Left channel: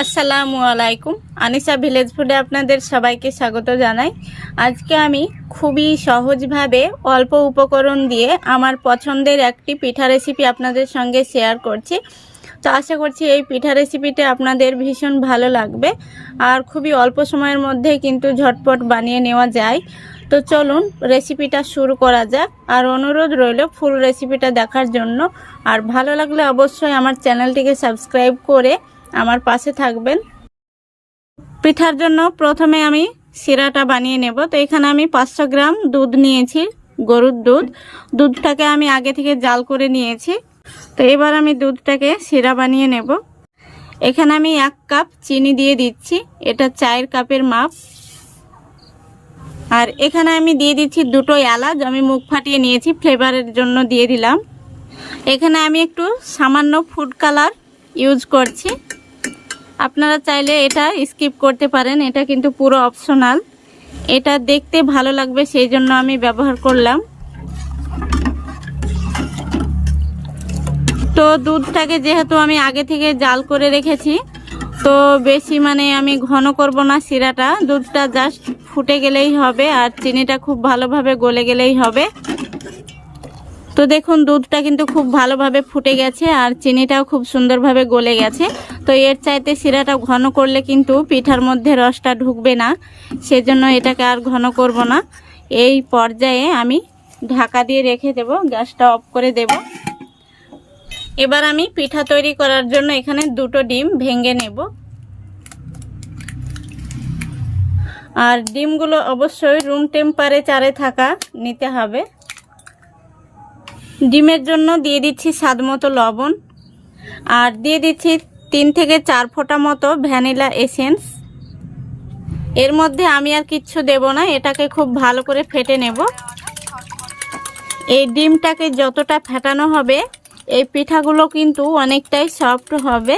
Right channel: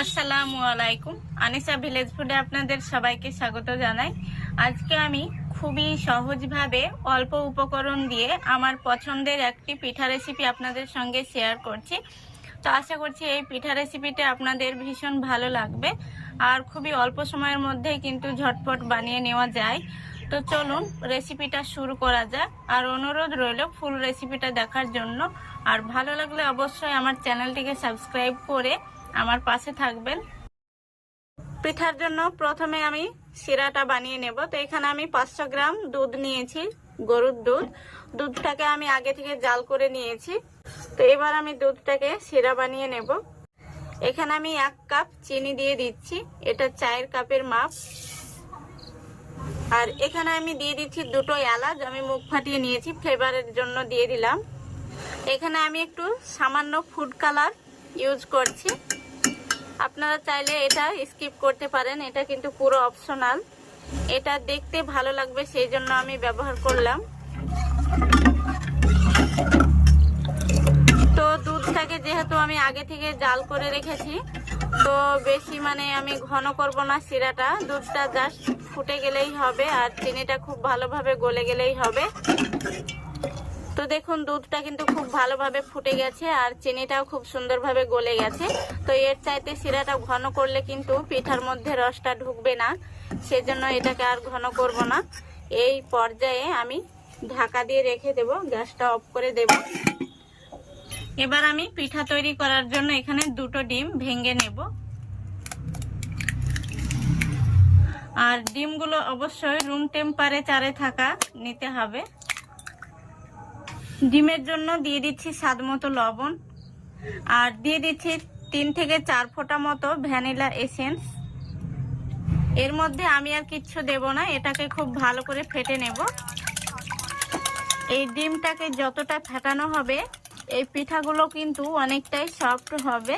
আসসালামু আলাইকুম। আনিশা ভিলেজ ফুডে আপনাদের সবাইকে স্বাগত জানাই। আজকে আমি খুবই সহজভাবে অল্প উপকরণ দিয়ে আমার পছন্দের একটি পিঠা রেসিপি আপনাদের সঙ্গে শেয়ার করছি। তো আশা করছি এই পিঠা রেসিপিটা আপনাদের ভীষণ ভালো লাগবে আর খুবই অল্প সময়ের মধ্যে কিন্তু ঝটপট বানিয়ে নেওয়া যায়। তো চলুন রেসিপিটা শুরু করা যাক। আর অনুরোধ রইল ফুল রেসিপিটা দেখার জন্য। আর ভালো লাগলে অবশ্যই আমার চ্যানেলটিকে সাবস্ক্রাইব করে আমার পাশে থাকবেন। পিঠার জন্য প্রথমে আমি শিরাটা বানিয়ে নেব। তো এখানে আমি 500 গ্রাম দুধ নিয়েছি, গরুর দুধটাকে আমি আগে থেকে জাল করে নিয়েছি। তো এবার আমি দুধটাকে শিরা বানিয়ে নেব। এখানে আমি 1 কাপ চিনি দিয়ে দিচ্ছি, এটা চায়ের কাপের মাপ। আর এখানে আমি দিয়ে দিচ্ছি 2টো এলাচ, আমি মুখ ফাটিয়ে নিয়েছি, ফ্লেভারের জন্য দিয়ে দিলাম। এখানে আমি একটু সামান্য ফুড কালার ইউজ করছি, আপনারা চাইলে এটা স্কিপ করতে পারেন, এটা কিন্তু পুরো অপশনাল। এটা দেখতে ভালো লাগবে সেই জন্য আমি ব্যবহার করলাম। তো দুধটাকে যেহেতু আমি আগে থেকে জাল করে রেখেছি, তো বেশি আমি ঘন করব না শিরাটা, দুধটা জাস্ট ফুটে গেলেই হবে আর চিনিটা খুব ভালোভাবে গলে গেলেই হবে। তো দেখুন দুধটা কিন্তু খুব ভালোভাবে ফুটে গেছে আর চিনিটাও খুব সুন্দরভাবে গলে গেছে। তো এর চাইতে শিরাটা ঘন করলে কিন্তু পিঠার মধ্যে রসটা ঢুকবে না, সেজন্য এটাকে আর ঘন করব না। এই পর্যায়ে আমি ঢাকা দিয়ে রেখে দেব, গ্যাসটা অফ করে দেব। এবার আমি পিঠা তৈরি করার জন্য এখানে 2টো ডিম ভেঙে নেব। আর ডিমগুলো অবশ্যই রুম টেম্পারেচারে থাকা নিতে হবে। ডিমের জন্য দিয়ে দিচ্ছি স্বাদ মতো লবণ আর দিয়ে দিচ্ছি 3 থেকে 4 ফোঁটা মতো ভ্যানিলা এসেন্স। এর মধ্যে আমি আর কিচ্ছু দেব না, এটাকে খুব ভালো করে ফেটে নেব। এই ডিমটাকে যতটা ফেটানো হবে এই পিঠাগুলো কিন্তু অনেকটাই সফট হবে।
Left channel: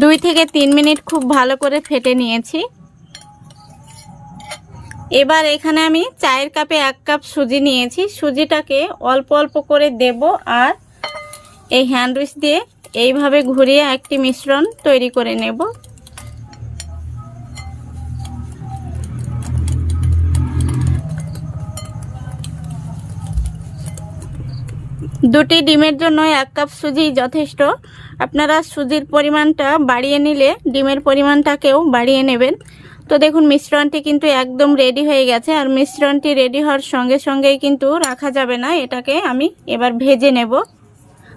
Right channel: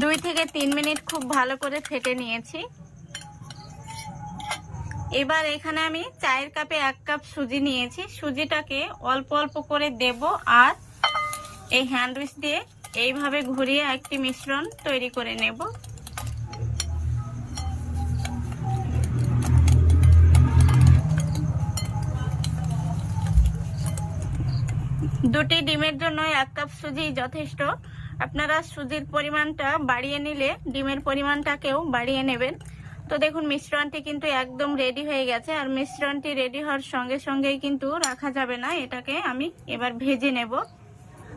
2 থেকে 3 মিনিট খুব ভালো করে ফেটে নিয়েছি। এবার এখানে আমি চায়ের কাপে 1 কাপ সুজি নিয়েছি, সুজিটাকে অল্প অল্প করে দেব আর এই হ্যান্ড উইচ দিয়ে এইভাবে ঘুরিয়ে একটি মিশ্রণ তৈরি করে নেব। দুটি ডিমের জন্য 1 কাপ সুজি যথেষ্ট। আপনারা সুজির পরিমাণটা বাড়িয়ে নিলে ডিমের পরিমাণটাকেও বাড়িয়ে নেবেন। তো দেখুন মিশ্রণটি কিন্তু একদম রেডি হয়ে গেছে। আর মিশ্রণটি রেডি হওয়ার সঙ্গে সঙ্গেই কিন্তু রাখা যাবে না, এটাকে আমি এবার ভেজে নেব।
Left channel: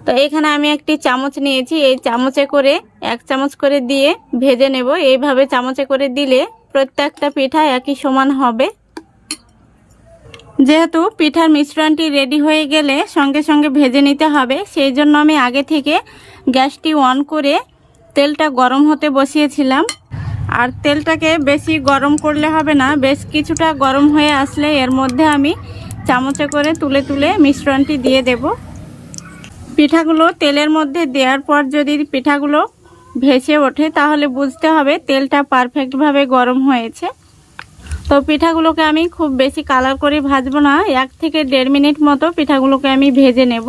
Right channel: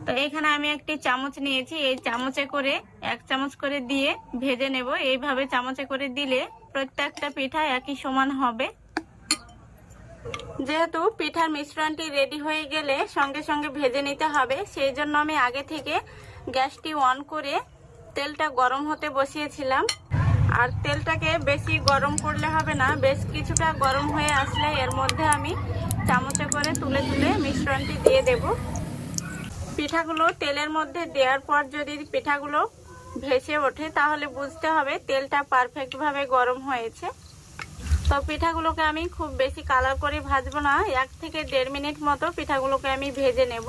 তো এখানে আমি একটি চামচ নিয়েছি, এই চামচে করে 1 চামচ করে দিয়ে ভেজে নেব। এইভাবে চামচে করে দিলে প্রত্যেকটা পিঠা একই সমান হবে। যেহেতু পিঠার মিশ্রণটি রেডি হয়ে গেলে সঙ্গে সঙ্গে ভেজে নিতে হবে, সেই জন্য আমি আগে থেকে গ্যাসটি অন করে তেলটা গরম হতে বসিয়েছিলাম। আর তেলটাকে বেশি গরম করলে হবে না, বেশ কিছুটা গরম হয়ে আসলে এর মধ্যে আমি চামচে করে তুলে তুলে মিশ্রণটি দিয়ে দেব। পিঠাগুলো তেলের মধ্যে দেওয়ার পর যদি পিঠাগুলো ভেসে ওঠে তাহলে বুঝতে হবে তেলটা পারফেক্টভাবে গরম হয়েছে। তো পিঠাগুলোকে আমি খুব বেশি কালার করে ভাজবো না, 1 থেকে 1.5 মিনিট মতো পিঠাগুলোকে আমি ভেজে নেব।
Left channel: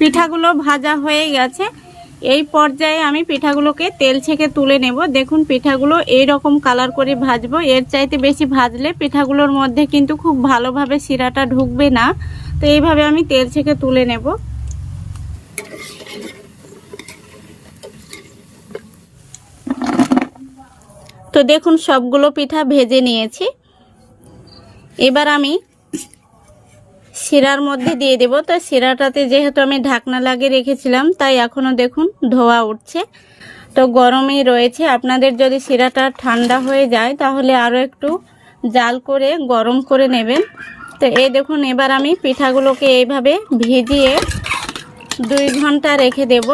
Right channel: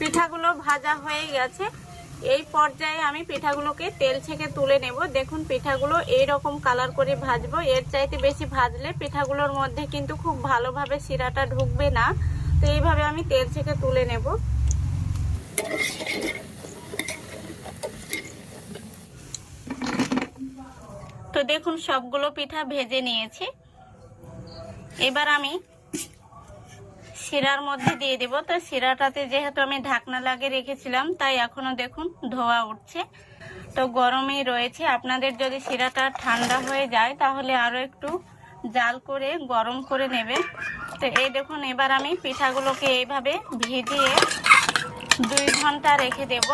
পিঠাগুলো ভাজা হয়ে গেছে, এই পর্যায়ে আমি পিঠাগুলোকে তেল ছেঁকে তুলে নেব। দেখুন পিঠাগুলো এই রকম কালার করে ভাজবো, এর চাইতে বেশি ভাজলে পিঠাগুলোর মধ্যে কিন্তু খুব ভালোভাবে শিরাটা ঢুকবে না। তো এইভাবে আমি তেল ছেঁকে তুলে নেব। তো দেখুন সবগুলো পিঠা ভেজে নিয়েছি। এবার আমি শিরার মধ্যে দিয়ে দেব। তো শিরাটাতে যেহেতু আমি ঢাকনা লাগিয়ে রেখেছিলাম তাই এখনো দেখুন ধোয়া উঠছে। তো গরমই রয়েছে, আপনাদের যদি শিরাটা ঠান্ডা হয়ে যায় তাহলে আরও একটু জাল করে গরম করে নেবেন। তো এই দেখুন এবার আমি পিঠাগুলোকে এইভাবে ভিজিয়ে 2 ঘন্টা রেখে দেব।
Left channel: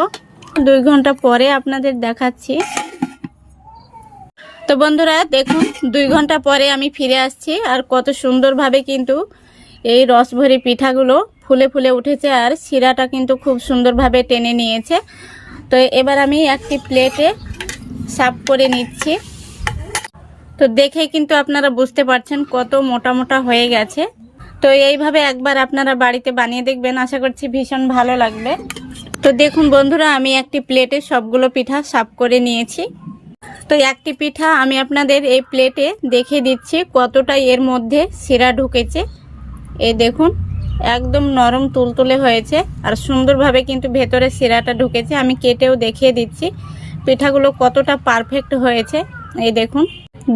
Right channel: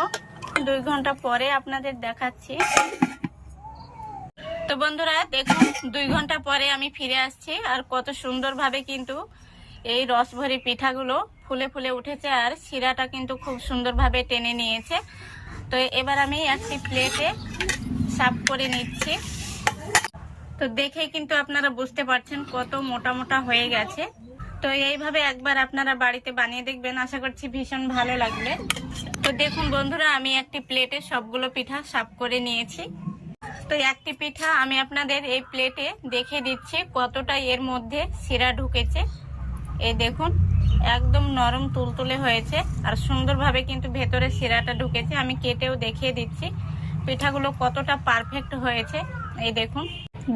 2 ঘন্টা পরে আপনাদের দেখাচ্ছি। তো বন্ধুরা দেখুন 2 ঘন্টা পরে আমি ফিরে আসছি আর কত সুন্দরভাবে কিন্তু এই রসভরি পিঠাগুলো ফুলে ফুলে উঠেছে আর শিরাটা কিন্তু খুব সুন্দরভাবে টেনে নিয়েছে। তো এবার আমি একটি প্লেটে সার্ভ করে নিচ্ছি। তো দেখে কিন্তু আপনারা বুঝতে পারছেন কত মোটা মোটা হয়ে গেছে। তো এইভাবে একবার আপনারা বাড়িতে বানিয়ে দেখবেন, আশা করছি ভীষণ ভালো লাগবে। তো দেখুন বন্ধুরা, আমি একটি প্লেটে সবগুলো পিঠা সাফ করে নিয়েছি। তো একটি পিঠা আমি আপনাদের এই প্লেটে দেখে দিচ্ছি কতটা এর মধ্যে শিরা ঢুকেছে। এই দেখুন, একদম নরম তুলতুলে হয়েছে আর সুন্দরভাবে কিন্তু ভেতরে শিরাটা ঢুকেছে। আমি কেটেও দেখিয়ে দিচ্ছি পিঠাগুলো কতটা পারফেক্ট হয়েছে। এই দেখুন,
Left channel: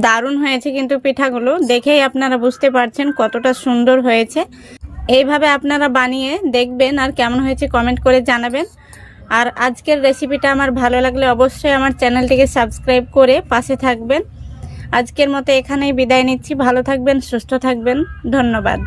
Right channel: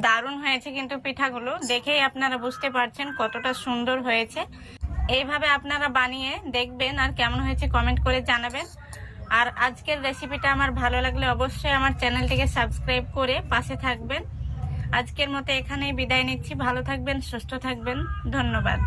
দারুণ হয়েছে কিন্তু পিঠাগুলো দেখেই আপনারা বুঝতে পারছেন কতটা সুন্দর হয়েছে। এইভাবে আপনারা বানিয়ে দেখবেন আর কেমন হয়েছে কমেন্ট করে জানাবেন। আর আজকের রেসিপিটা আমার ভালো লাগলে অবশ্যই আমার চ্যানেলটিকে সাবস্ক্রাইব করে পাশে থাকবেন। আজকের মতো এখানেই বিদায় নিচ্ছি। ভালো থাকবেন, সুস্থ থাকবেন, ধন্যবাদ।